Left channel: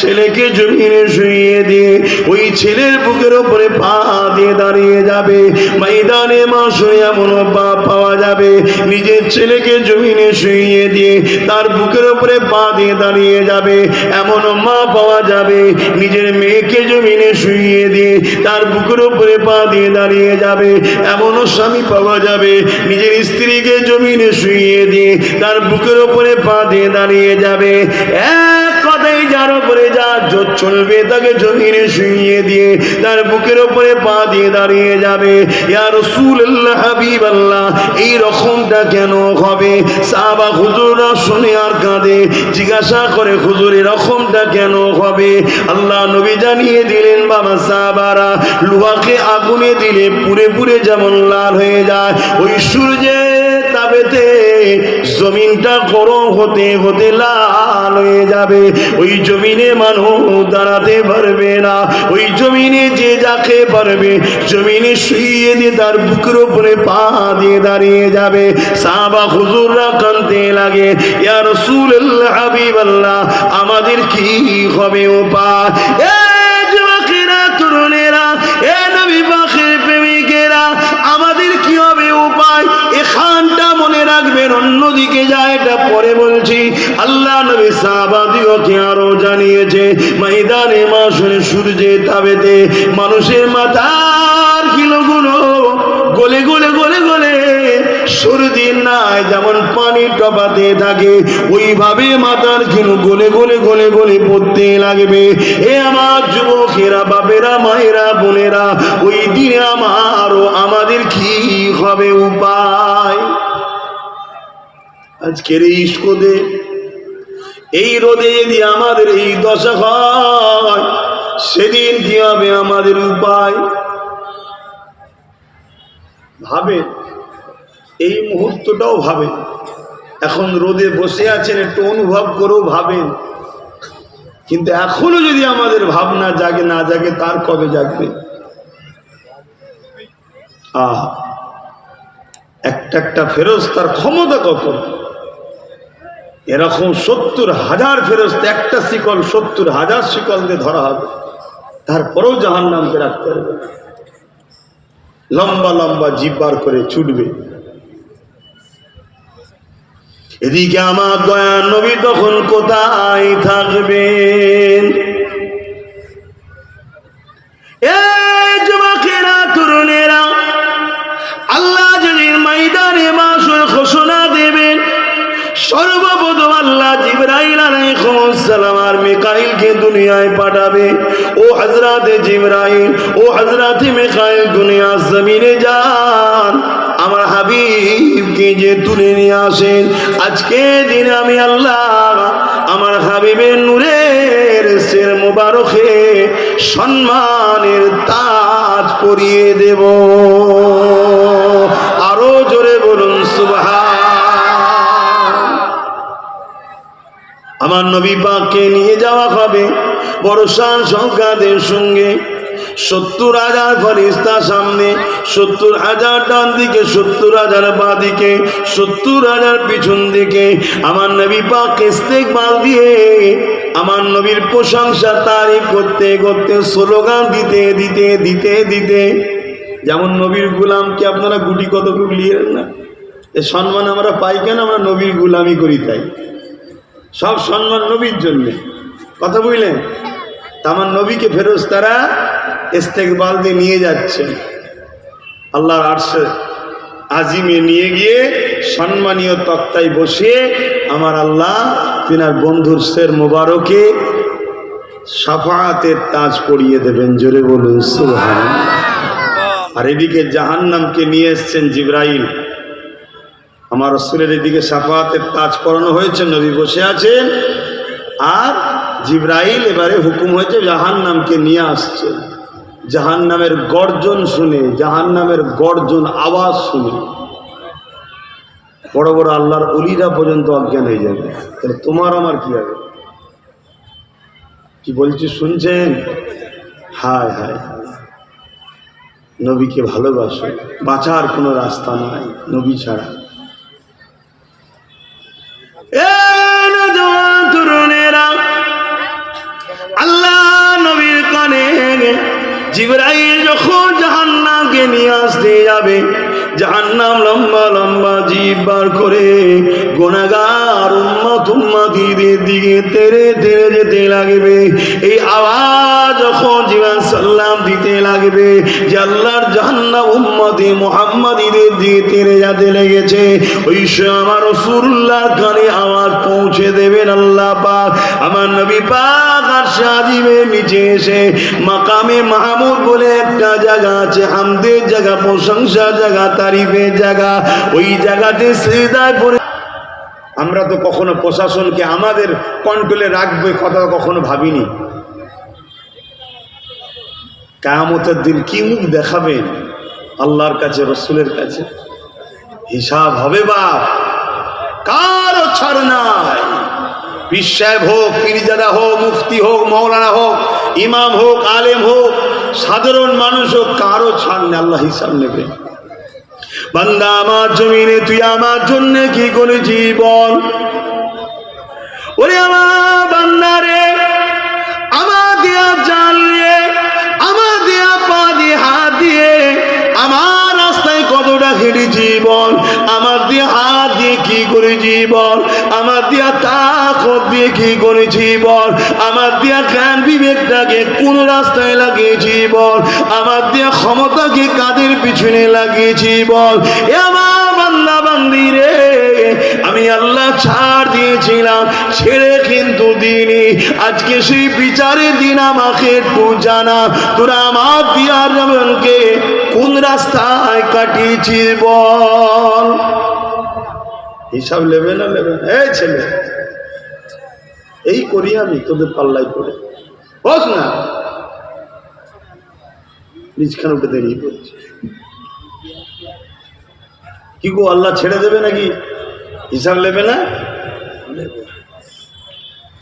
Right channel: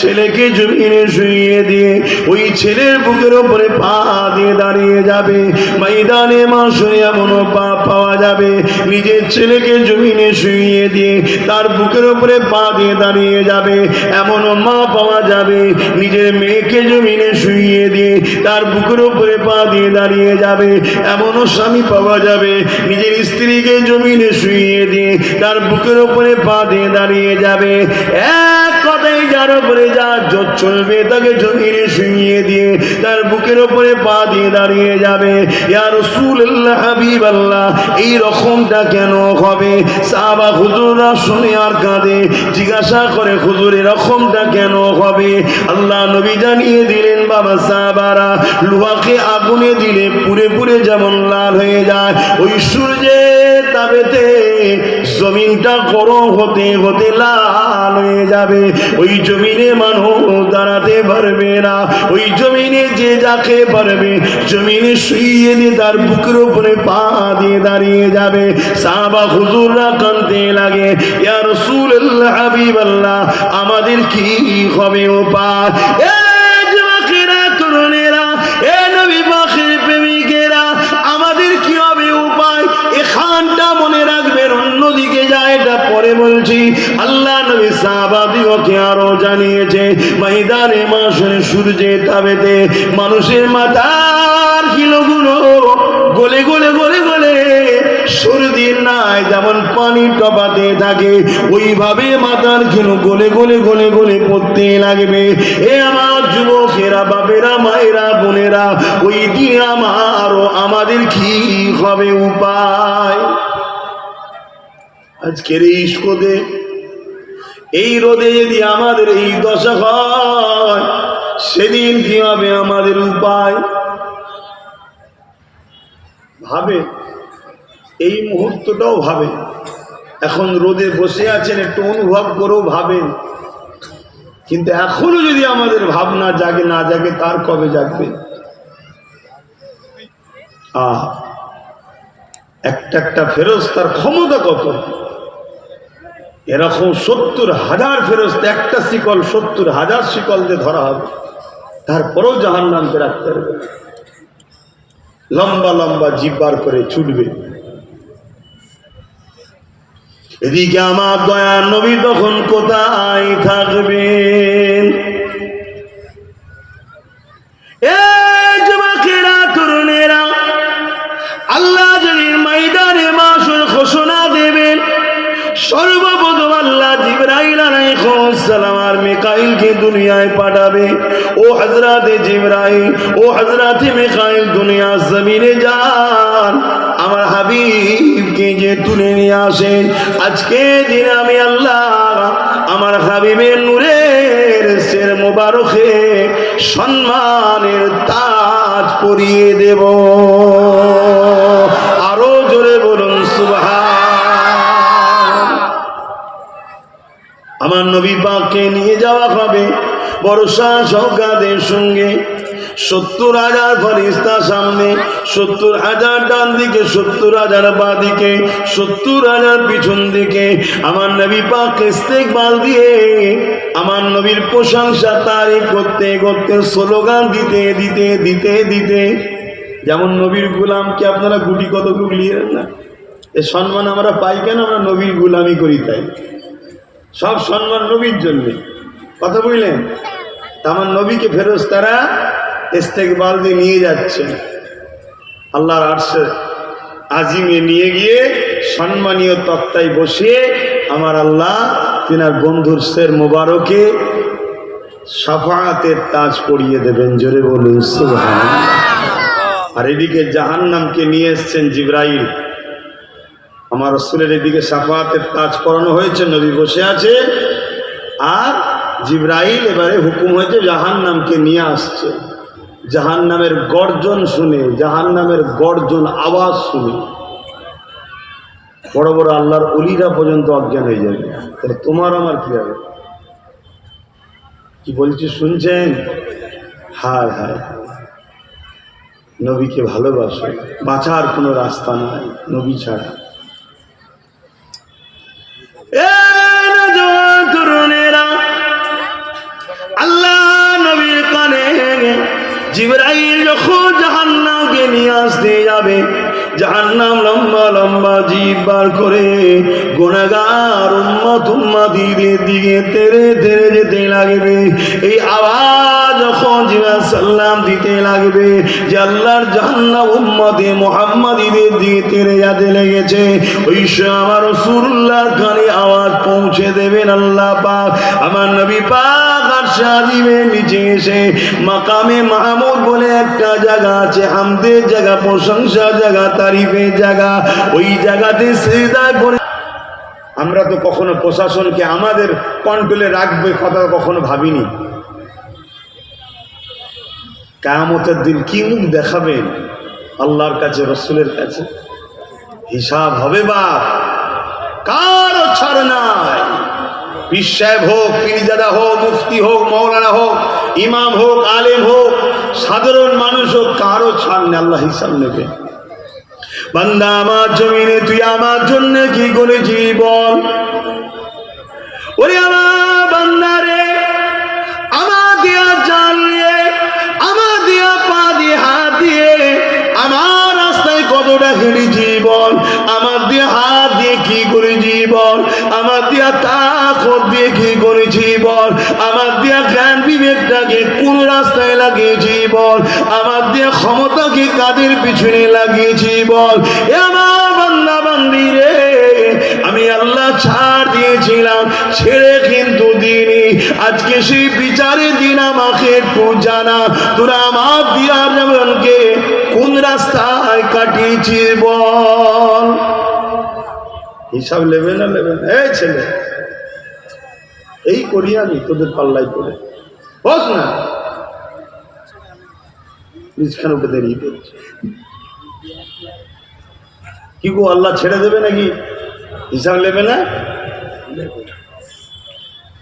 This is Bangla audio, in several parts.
ছেলেকে জমিনে শুইয়ে দিয়ে ওই ছেলের বুকের উপরে পা দিয়ে দাঁড়িয়ে যাবে। ময়দানে মাশরে এমন পা পাওয়া যাবে, নিজের ছেলেকে জমিনে শুইয়ে দিয়ে তার বুকের উপরে পা দিয়ে দাঁড়িয়ে যাবে। এমন মা পাওয়া যাবে, নিজের মেয়েকে জমিনে শুইয়ে দিয়ে তার বুকের উপরে পা দিয়ে দাঁড়িয়ে যাবে। এমন স্বামী পাওয়া যাবে, নিজের স্ত্রীকে জমিনে শুইয়ে দিয়ে তার বুকের উপরে পা দিয়ে দাঁড়িয়ে যাবে। এক কথাই যার উপরে যা জোর চলবে তাকে জমিনে শুইয়ে দিয়ে তার বুকের উপরে পা দিয়ে দাঁড়িয়ে যাবে। ইয়া রাসূলুল্লাহ, হাবিবাল্লাহ, এই রকমটা কেন হবে? সাহাবা হুজুররা শুনে আর কাঁদে, জিজ্ঞাসা করে হুজুর এরকমটা কেন হবে? আল্লাহ নবী জানিয়ে দিলেন, বাবা সাহাবারা, লোহাকে আগুনে দিলে পুড়ে পুড়ে যেমন লাল হয়ে যায়, ওই সূর্যের তাপেতে জমিনটা গরম হতে হতে লাল হয়ে যাবে। ওই জমিনে মানুষ দাঁড়াতে পারবে না। ওই জমিনে যে যাকে পারবে জমিনে শুইয়ে দিয়ে তার বুকের উপরে পা দিয়ে দাঁড়িয়ে যাবে। সাহাবা হুজুররা কাঁদতে লাগে, ইয়া রাসূলুল্লাহ, হাবিবাল্লাহ, আমাদের কি হবে উপায়? এ যুবকেরা, তরুণেরা, এ নবী পাকের প্রেমিকেরা, আমাদের কি হবে উপায়? এখানটা মনে রাখবেন, অন্যদিকে যায় এটা পরে বলছি। আল্লাহ নবী সাহাবাদিগকে আরো জানিয়েছে, ময়দানে মাশরে সূর্যের তাপেতে মানুষের মাথার কিলোগুলো গলে গলে গলে গলে সর্দির নাই যেমন পানি টপাতে থাকে, ওইভাবে মাথার কিলো গলে গলে গলে গলে পড়তে লাগবে। এ আমার যুবকেরা, বাপেরা, মায়েরা, বোনেরা, ওই দিনে আমাদের কি হবে উপায়? আজকের এই রোদে, এই রোদে যদি আমাদের এই দশা হয়, সেদিন কি হবে আমাদের উপায়? ভাবে, এই মুহূর্তটাও ভাবে। এখন রোদে বসে আছেন, একটু অনুভব করেও ভাবেন। কিন্তু এখনো যদি আমাদের ভাবনা জাগে না জাগে, তার কবে জাগবে? একটা একটা ফেরেশতার ক্ষমতা কত! এরকম 70,000 ফেরেশতা, একটা শিকল 70,000 শিকল দিয়ে ধরা হবে, তারপরেও জাহান্নামকে রাখতে পারবে। লম্বা লম্বা জিভ বার করে ছুটবে। এদিকে আমার দয়ার নবী তখন কোথায় থাকবেন? এ যুবকেরা, তরুণেরা, আল্লাহ যদি ময়দানে মাশর ঘোষণা দেবেন, সর্বপ্রথম আল্লাহ জিবরাইল আলাইহিস সালাম আর মিকাইলকে দুনিয়ায় পাঠাবে। ও হযরতে জিবরাইল, ও হযরতে মিকাইল, দুনিয়া জমিনে যান, আমার হাবিবকে যে তুলে নিয়ে আসেন। আজকে দিন আমি আল্লাহ আমার হাবিবের নূরের সের মোবারকে সম্মানের তাজ পরিয়ে দেব। আরো জোরে বলুন সুবহান। আমার নবী পাককে নিয়ে যাওয়া হবে বর্ষা সংখ্যাদের সঙ্গে। 70,000 ফেরেশতা সামনে, 70,000 ডান দিকে, 70,000 বাঁ দিকে, 70,000 পিছন দিকে। আমার নবী পাক ইস্তেকবাল দিয়ে আমার নবীর প্রশংসা তারিফ করতে করতে, স্লোগান দিতে দিতে দিতে দিতে, যেমন নবীর গোলামকে আপনারা গুটি কত গুলিয়ে না, এ সম্মান আমরা পাই কেন? আমরা নবীর গোলামি করি, তাই সব সম্মান নবীর জন্য। কথা বুঝলেন? আমার নবীকে ফেরেশতারা ইস্তেকবাল দিয়ে নিয়ে যাচ্ছেন আল্লাহর আরশে আজিমে, নিয়ে গিয়ে সম্মানীয় তক্তায় বসিয়ে আমার আল্লাহ তিনার বন্ধুর শের মোবারকে শাফাআতের তাজ পরিয়ে দেবেন। জোরে বলুন সুবহানাল্লাহ। আর এদিকে জাহান্নামকে নিয়ে এসছেন জিবরাইল। আমার রাসূলের এদিকে শাফাআতের তাজ পরানো হয়েছে, নবী বসে আছে, আর জিবরাইল এবারে হুকুম হয়েছে জাহান্নামকে নিয়ে আসছে। জাহান্নামের গর্জন শুনে, জাহান্নামের গর্জন আওয়াজ শুনে বড় বড় আল্লাহর ওলিরা পর্যন্ত অজ্ঞান হয়ে যাবে। তাহলে তোমার আমার কি হবে? কি বলছি শুনছেন? হায় হায়, নবীকে ভালোবাসো, বাঁচার কোনো রাস্তা নাই নবী ছাড়া। জিবরাইল যখন জাহান্নামকে নিয়ে আসতে যাবে, জাহান্নাম লম্বা লম্বা জিভ বার করে গুনাহগার উম্মতীদের দিকে তেড়ে তেড়ে যেতে লাগবে। এই আওয়াজ যখন জিবরাইল সালাম দিতে লাগবে যে আল্লাহর জাহান্নাম উম্মতে মুহাম্মাদীদের দিকে তেড়ে যেতে লেগেছে, ওই সময় আমার রাসূলুল্লাহর কানে আওয়াজ পৌঁছে দেবেন আল্লাহ পাক। আমার নবী পাক আরশে আজিমের নিচে এসে মাকামে মাহমুদ বলে একটা জায়গা আছে, হামদের জায়গা, প্রশংসার জায়গা, তারিফের জায়গা, ওই জায়গাতে সিজদা করে। আমরা তো কখনো প্রশাসনকে আমাদের কন্ট্রোলে রাখবে কথা কখনো ভাবিনি। কিয়ামতের দিন কি মুখ দেখাবেন আল্লাহর কাছে, রাসূলের কাছে? হিসাব হবে বাপ, কারো ছাড় নাই। পীর সাহেব হোক, পীরজাদা হোক, মুফতি হোক, মাওলানা হোক, ইমাম হোক, আলেম হোক, সাধারণ মানুষ হোক, কারো ছাড় নেই। আল্লাহ হিসাব নেবে। বান্দা আমার জমিনে তুই আমার জন্য কি করেছি বল? ওরে আমার বান্দা রে, আমার দিয়া জান দিয়ে, আমার দিয়া পা দিয়ে, হাত দিয়ে আমার রাস্তায় কতটা হেঁটেছি বল? আমার দিয়ে হাত দিয়ে কি করেছি বল? আমার দিয়া তাকত দিয়ে কি করেছি বল? আমার দিয়া জ্ঞান বিবেকটাকে কোন রাস্তায় লাগিয়েছি বল? আমার দিয়া ক্ষমতাকে কাদের পিছনে লাগিয়েছি বল? এ আমার বান্দা বান্দি রে, আমি আল্লাহ ছাড় দিয়েছিলাম, ছেড়ে কিন্তু দিইনি। আজকে সেই বিচারের দিন আমাকে একটু জানা, তোরা আমার দিয়ার জীবনকে কোন রাস্তায় কাটিয়েছিস বল? হিসাব নেবে না নেবে না? এই ছেলে, এই করি আমি তোদের পাল্লাই করে বস না, নিজখানে উঠে দাঁড়িয়ে পড়ছে। কি গো, আল্লাহ ছেড়ে দেবে নাকি? হিসাব নেবে না?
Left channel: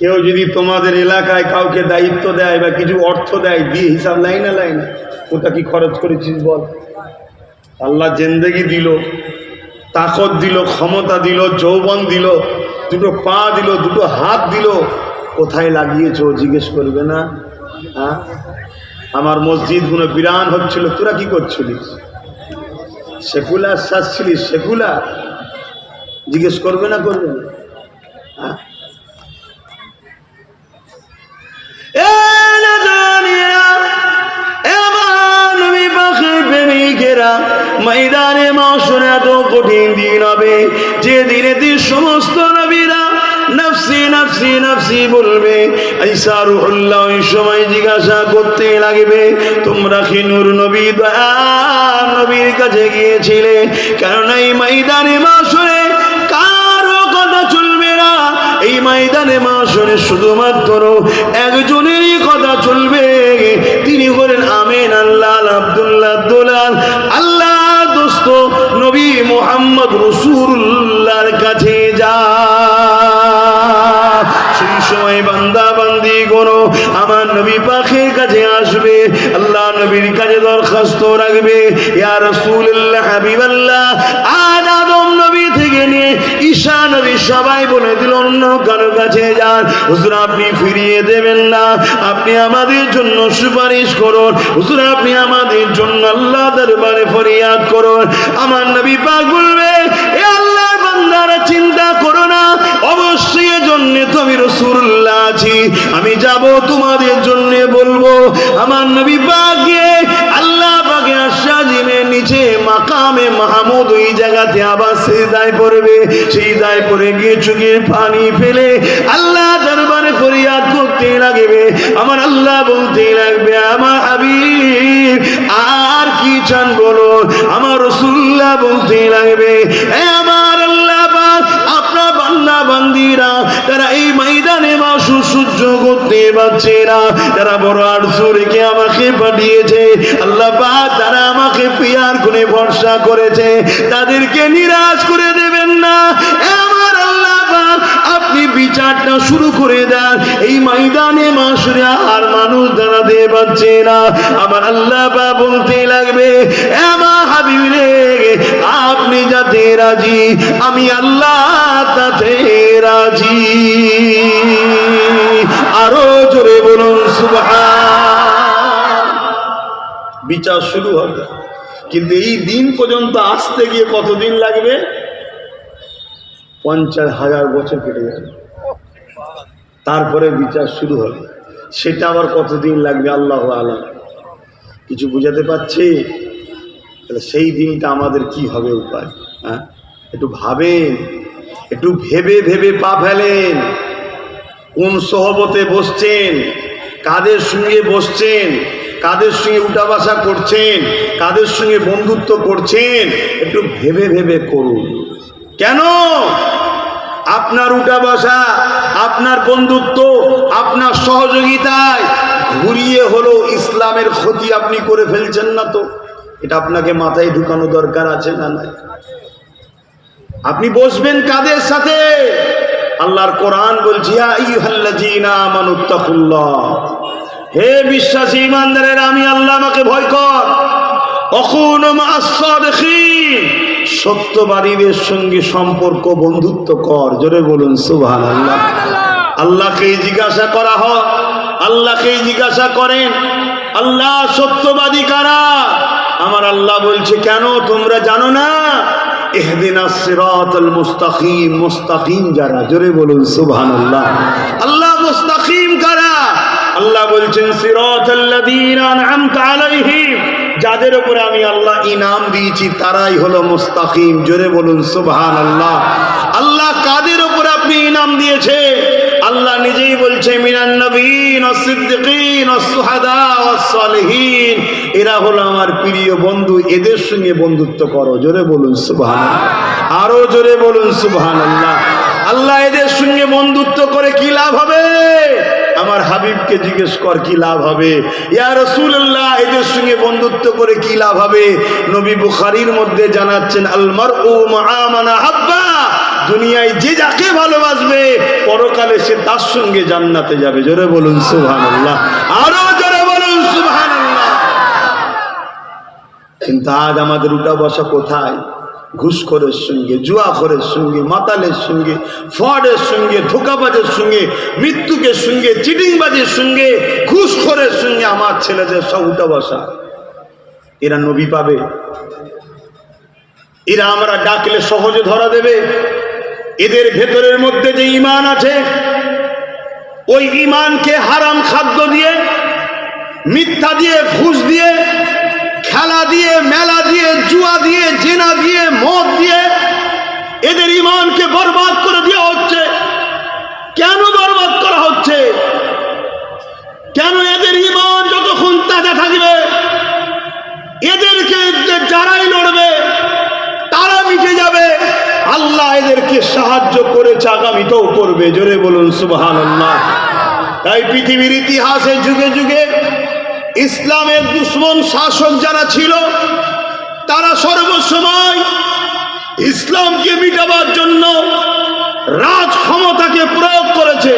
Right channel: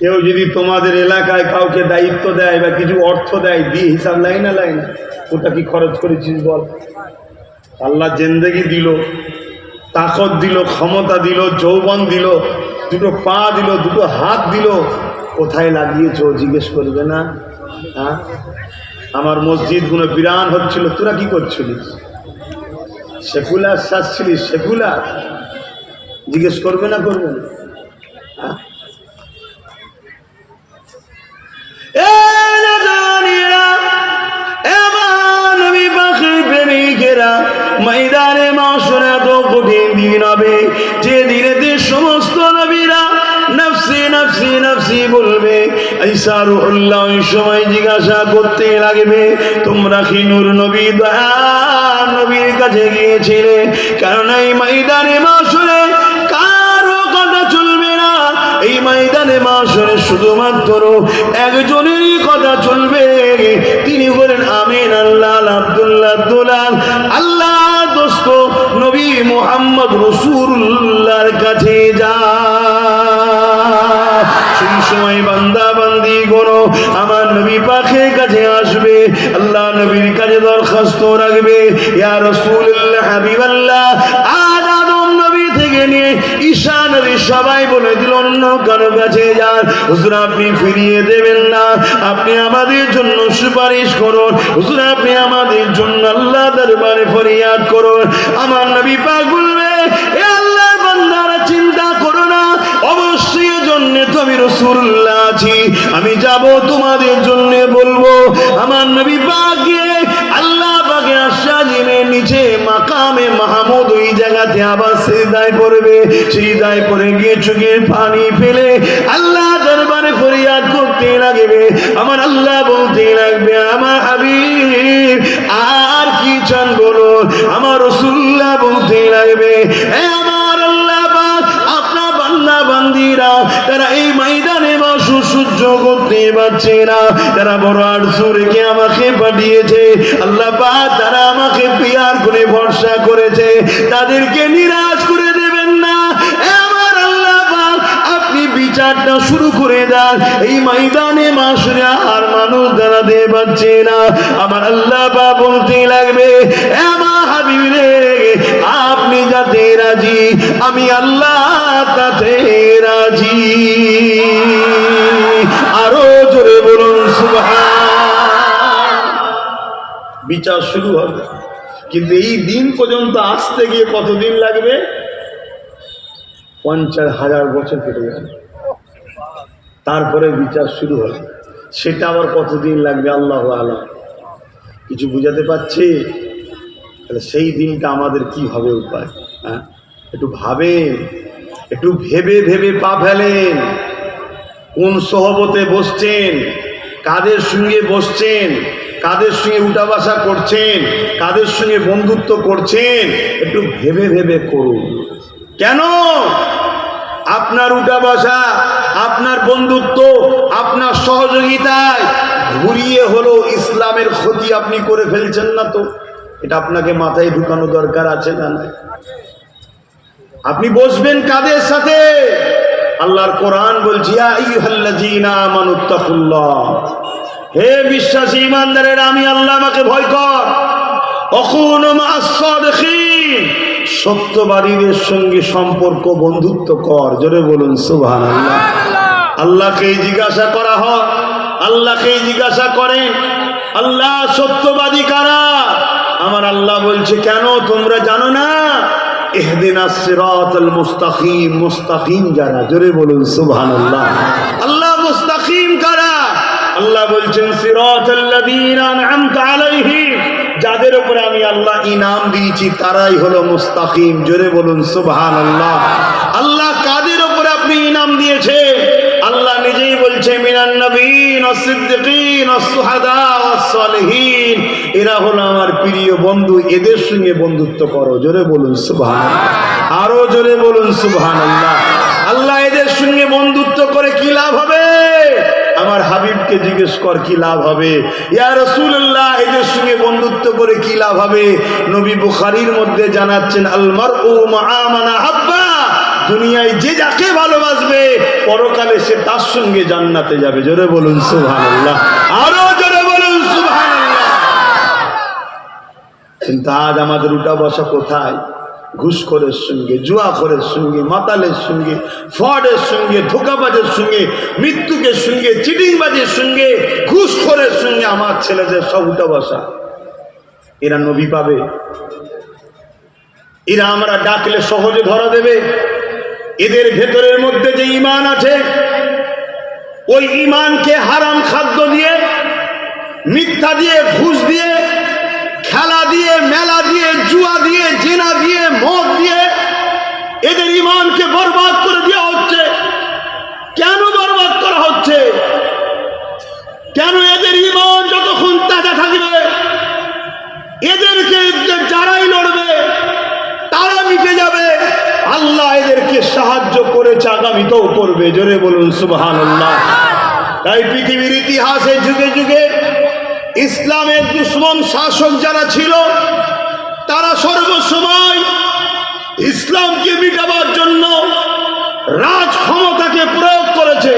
কেউ যদি তোমাদের এলাকায় কাউকে দায়িত্ব দেয় বা কিছু অর্থ দেয়, দিয়ে হিসাব লাই না লাই না, ওটা কি খরচ করেছিস বল? আল্লাহ জিন্দেগি দিল, তাকত দিল, ক্ষমতা দিল, যৌবন দিল, দুটো পা দিল, দুটো হাত দিল, কোথায় লাগিয়েছো জিজ্ঞেস করবে না? হ্যাঁ, আমার মসজিদ গুলো বিরান হচ্ছিল, তোরা কি করছিলিস? সেকুলার সাজছিলিস? সেকুলার জিজ্ঞেস করবে না? করবে না? হ্যাঁ, ময়দানে মাশরে এত কঠিন দিন হবে যে দিনেতে সমস্ত নবীরা নফসি নফসি নফসি বলবে। ঈসা রূহুল্লাহ ওই সময় জিজ্ঞাসা করতে লাগবে, তোমরা কি নূর নবী দয়ার নবীর কাছে গিয়েছিলে? কারণ এই ময়দানে মাশরে কারো কথা চলবে না। এই ময়দানে মাশরে শুধুমাত্র একজনেরই কথা চলবে, তিনি বলেন আমিন আল্লাহ আব্দুল্লাহ দুলাল আল্লাহ দোস্ত নবী মুহাম্মদ রাসূলুল্লাহর কাছে যা। সেই সময় বান্দা বান্দি গুলো আমার নবী পাকের কাছে আসবে, আল্লাহ নবীর কাছে দরখাস্ত রাখবে, ইয়া রাসূলুল্লাহ হাবিবাল্লাহ, আদম নবী থেকে নিয়ে ঈসা নবী সবাই বলে দিল অন্য কারো কাছে যান, হুজুর আপনি ফিরিয়ে দেবেন না, আপনি আমাদের জন্য সুপারিশ করুন, হুজুর আপনি আমাদের জন্য আল্লাহ দরবারে ফরিয়াদ করুন। আমার নবী পাক বলবে, এ আল্লাহর বান্দারা চিন্তা করো না, অবশ্যই এর জন্য তো আমি রাসূলুল্লাহ আছি, আমি যাব তোমাদের জন্য বলবো। আমার নবী পাক গিয়ে আল্লাহ পাকের আরশের নিচে মাকামে মাহমুদ ওই জায়গাতে আবার সিজদায় পড়বে। সিজদায় পড়ে গিয়ে চোখের পানি ফেলে আল্লাহ দরবারে ফরিয়াদ করতে লাগবে। আমার আল্লাহ বলতে লাগবে, আমার হাবিব আর কি চান বলুন? আমার রাসূলুল্লাহ বলতে লাগবে, এ আমার আল্লাহ পাক, আপনার বান্দা বান্দিরা তারা এই ময়দানে মাসু সহ্য করতে পারছে না, তারা বড় আরজু রেখে আমাকে পাঠিয়েছে, আল্লাহ পাক তারা আমাকে পিয়ার করে ভরসা করেছে, তাদেরকে নিরাশ করে দেবেন না। আমার আল্লাহ পাক আপনি বিচারটা শুরু করে দেন, এই ময়দানে মাসুরে আর মানুষ দাঁড়াতে পারছে না। আমার আল্লাহ পাক বলতে লাগবে, আমার হাবিব রে, আপনি যাতে রাজি আমি আল্লাহ তাতে রাজি। আরো জোরে বলুন সুবহান। বিচার শুরু হবে। কিন্তু এই দিন পর্যন্ত আসতে গিয়ে কতদিন লাগবে? 50,000 বছর কেটে যাবে, তারপরে বিচার শুরু হবে। সেটা আবার কতদিন লাগবে আল্লাহু আলাম। কিছু বুঝাতে পারছি? তাহলে সেই দিনটা আমাদের কি হবে উপায়? হ্যাঁ, একটু ভাবেন, একটু ভেবে ভেবে পা ফেলেন। কোন সহবতে বসছেন, কাদের সঙ্গে বসছেন, কাদের সঙ্গে উঠা বসা করছেন, কাদের সঙ্গে বন্ধুত্ব করছেন, একটু ভেবে ভেবে করুন। কেন আপনার উঠা বসা, আপনার বন্ধুত্ব, আপনার সহযোগিতায় ঘুরিয়ে হলো ইসলামের ক্ষতি আপনি করে ফেলছেন না তো? এটা আপনাকে মাথায় ঢুকানো দরকার আছে না নাই? আপনি বসবেন কাদের সাথে? আল্লাহর কোরআন বলছে, ইয়া আইয়ুহাল্লাযীনা আমানুত্তাকুল্লাহ, হে বিশ্বাসী ঈমানদারেরা, আমি আল্লাহ, আমাকে ভয় কর। ওয়াকুনু মা'আস সাদিকিন, সত্যবাদীদের সঙ্গে সম্পর্ক বন্ধুত্ব কর। জোরে বলুন সুবহানাল্লাহ। আল্লাহকে জিজ্ঞাসা করা হয়, আল্লাহকে জিজ্ঞাসা করেন, আল্লাহ সত্যবাদী কারা? আমার আল্লাহ বলছে, কেন তোমরা জানো না? ইহদিনাস সিরাতাল মুস্তাকিম, মুস্তাকিম যারা। জোরে বলুন সুবহানাল্লাহ। আল্লাহ মুস্তাকিম কারা? আল্লাহ বলছেন, সিরাতাল্লাযীনা আন'আমতা আলাইহিম, যাদের উপরে আমি আল্লাহ ইনাম দিয়েছি তারাই হলো মুস্তাকিম। জোরে বলুন সুবহানাল্লাহ। আল্লাহ কাদের উপরে আপনি ইনাম দিয়েছে? আল্লাহ নিজেই বলছে, মিনান নবিয়্যিন ওয়াস সিদ্দিকিন ওয়াস শুহাদা ওয়াস সালিহিন, এরা হলো আমার প্রিয় বন্ধু, এদের সঙ্গে বন্ধুত্ব করো। জোরে বলুন সুবহানাল্লাহ। আরো জোরে বলুন সুবহানাল্লাহ। আল্লাহ এদের সঙ্গে বন্ধুত্ব করে কি লাভ হবে? আমার হাবিবকে জিজ্ঞেস কর কি লাভ হবে। ইয়া রাসূলুল্লাহ, এদের সঙ্গে বন্ধুত্ব করে কি লাভ হবে? নবী বুখারীর মধ্যে জানাচ্ছেন, আল মারউ মা'a মান আহাব্বা, দুনিয়ায় যে যাকে ভালোবাসবে পরকালে সে তার সঙ্গে জান্নাতে যাবে। জোরে বলুন সুবহানাল্লাহ। আরো জোরে বলুন সুবহানাল্লাহ। কিন্তু আজ আমাদের উঠা বসা কোথায়? ঘুষখোরের সঙ্গে, জুয়াখোরের সঙ্গে, মাতালের সঙ্গে, ফ্রডের সঙ্গে, ধোঁকাবাজের সঙ্গে, মৃত্যুকের সঙ্গে, চিটিংবাজের সঙ্গে, ঘুষখোরের সঙ্গে আমার ছেলেদের সব উঠা বসা। এরা নবী পাবে? এরা আমরা ডাকলে সহজে ধরা দেবে? এদের ভেতরের মধ্যে যে ঈমান আছে, ওই ঈমানকে হারাম খাদ্য দিয়ে, মিথ্যা দিয়ে, ঘুষ দিয়ে, খেলা দিয়ে, মেলা দিয়ে, জুয়া দিয়ে, জেনা দিয়ে, মদ দিয়ে এদের ঈমানকে বরবাদ করে দেওয়া হচ্ছে। কেন বরবাদ করা হচ্ছে? কেন? এদের ঈমান যতক্ষণ তাজা থাকবে, এদেরকে যারাই লড়বে তারা মিটে যাবে। আল্লাহ এদেরকে সাহায্য করেছে, আগামীতেও করবে। জোরে বলুন সুবহানাল্লাহ। তাই পৃথিবীর ইতিহাসে যুগে যুগে ইসলামের দুশমন শাসক যারা ছিল, তারা সর্বসময় ইসলামকে মিটাবার জন্য রাজ ক্ষমতাকে প্রয়োগ করেছে।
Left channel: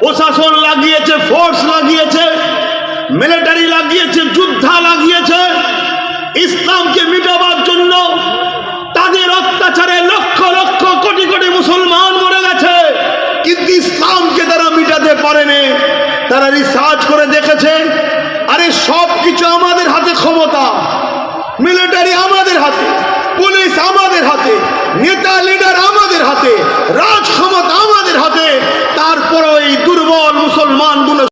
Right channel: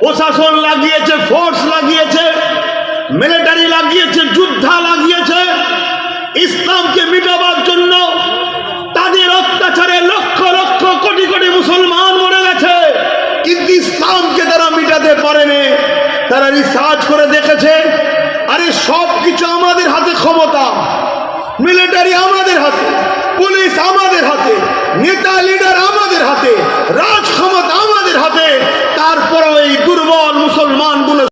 প্রশাসন লাগিয়েছে, ফোর্স লাগিয়েছে, মিলিটারি লাগিয়েছে, যোদ্ধা লাগিয়েছে। ইসলামকে মিটাবার জন্য তাদের অত্যাচারে লক্ষ লক্ষ কোটি কোটি মুসলমান মরে গেছে, কিন্তু ইসলামকে তারা মিটাতে পারেনি। তারা রিসার্চ করে দেখেছে, আরে সব কিছু আমাদের হাতে ক্ষমতা, মিলিটারি আমাদের হাতে, পুলিশ আমাদের হাতে, নেতা লিডার আমাদের হাতে,